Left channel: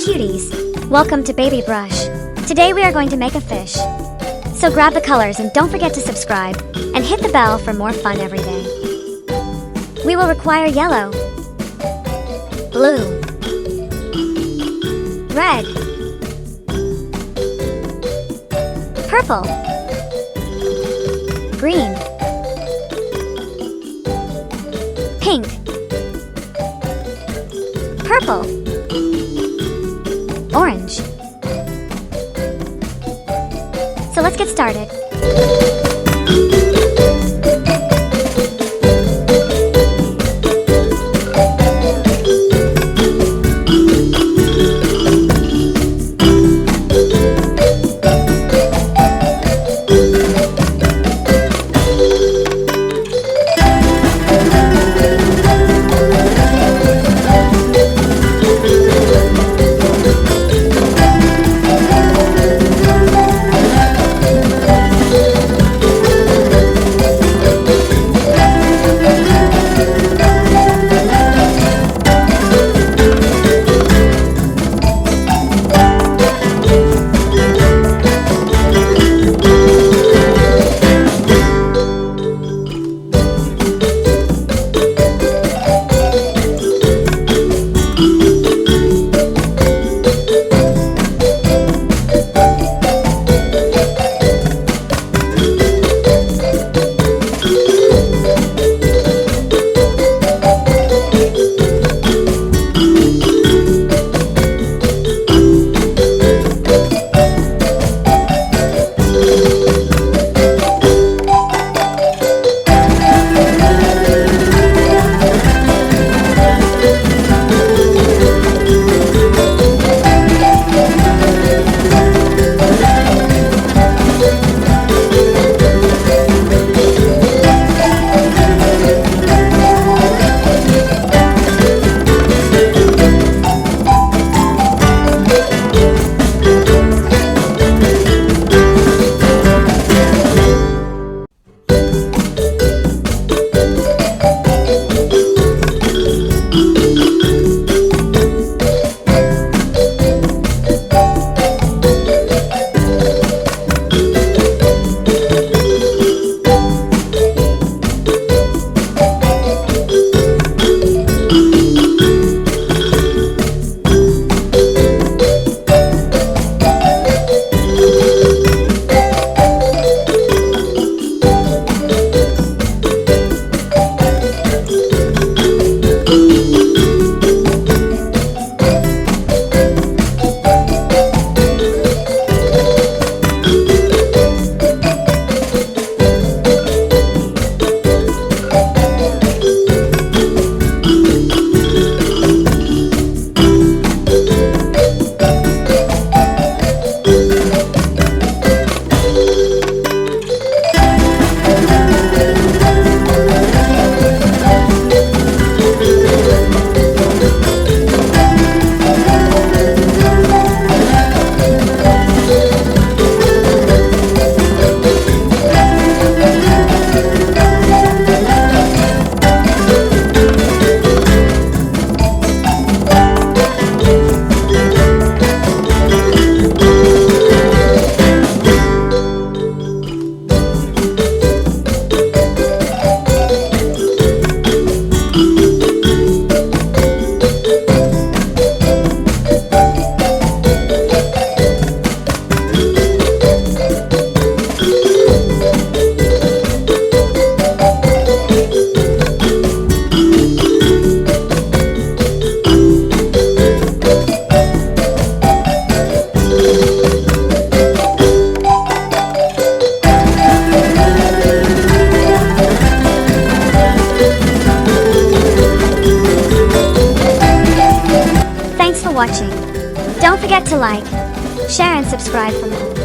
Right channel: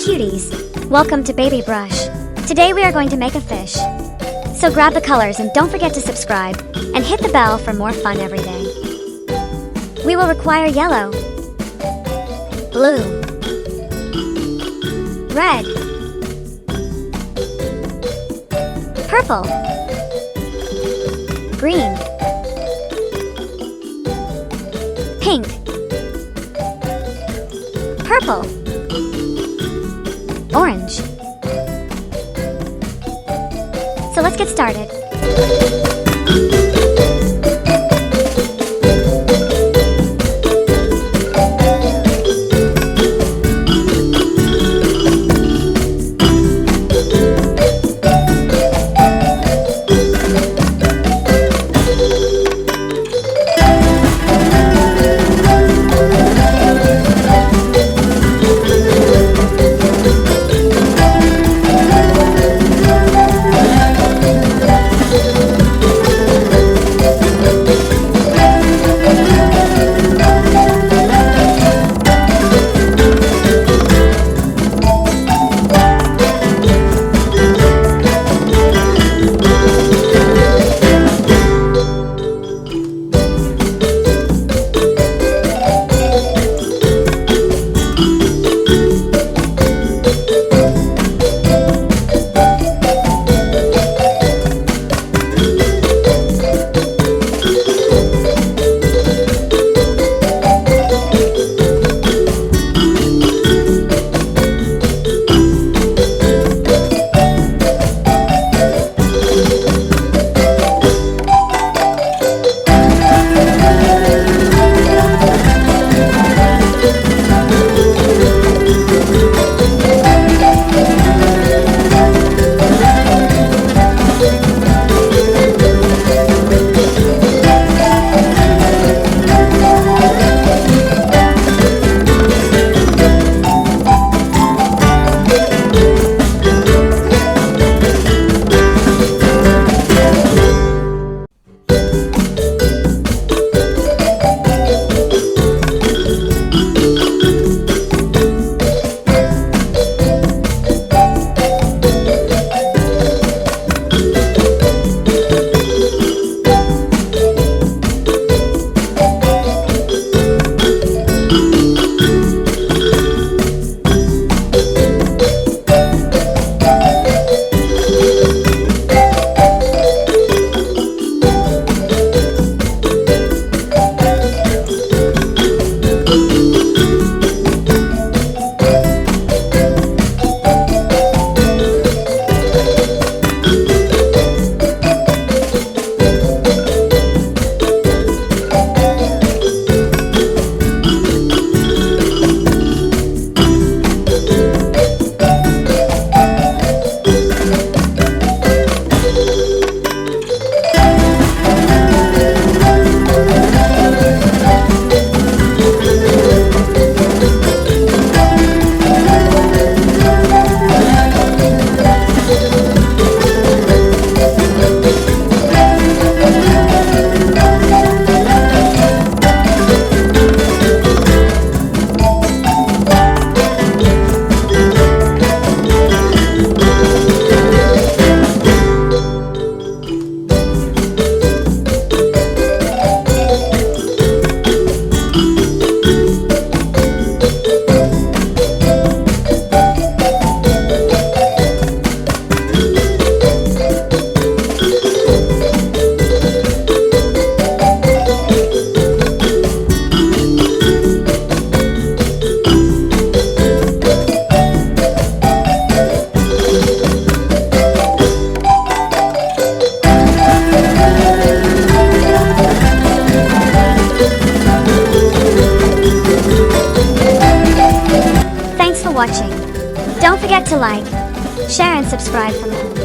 cuties! Welcome to BabyBrush. Today we are going to make a fish. So grab the colors and don't forget to subscribe, and hit the bell for more fun every day. We will require yellow, blue, red, purple, green, pink, purple, orange. So let's get started. Thanks for watching. Don't forget to like, share and subscribe for more.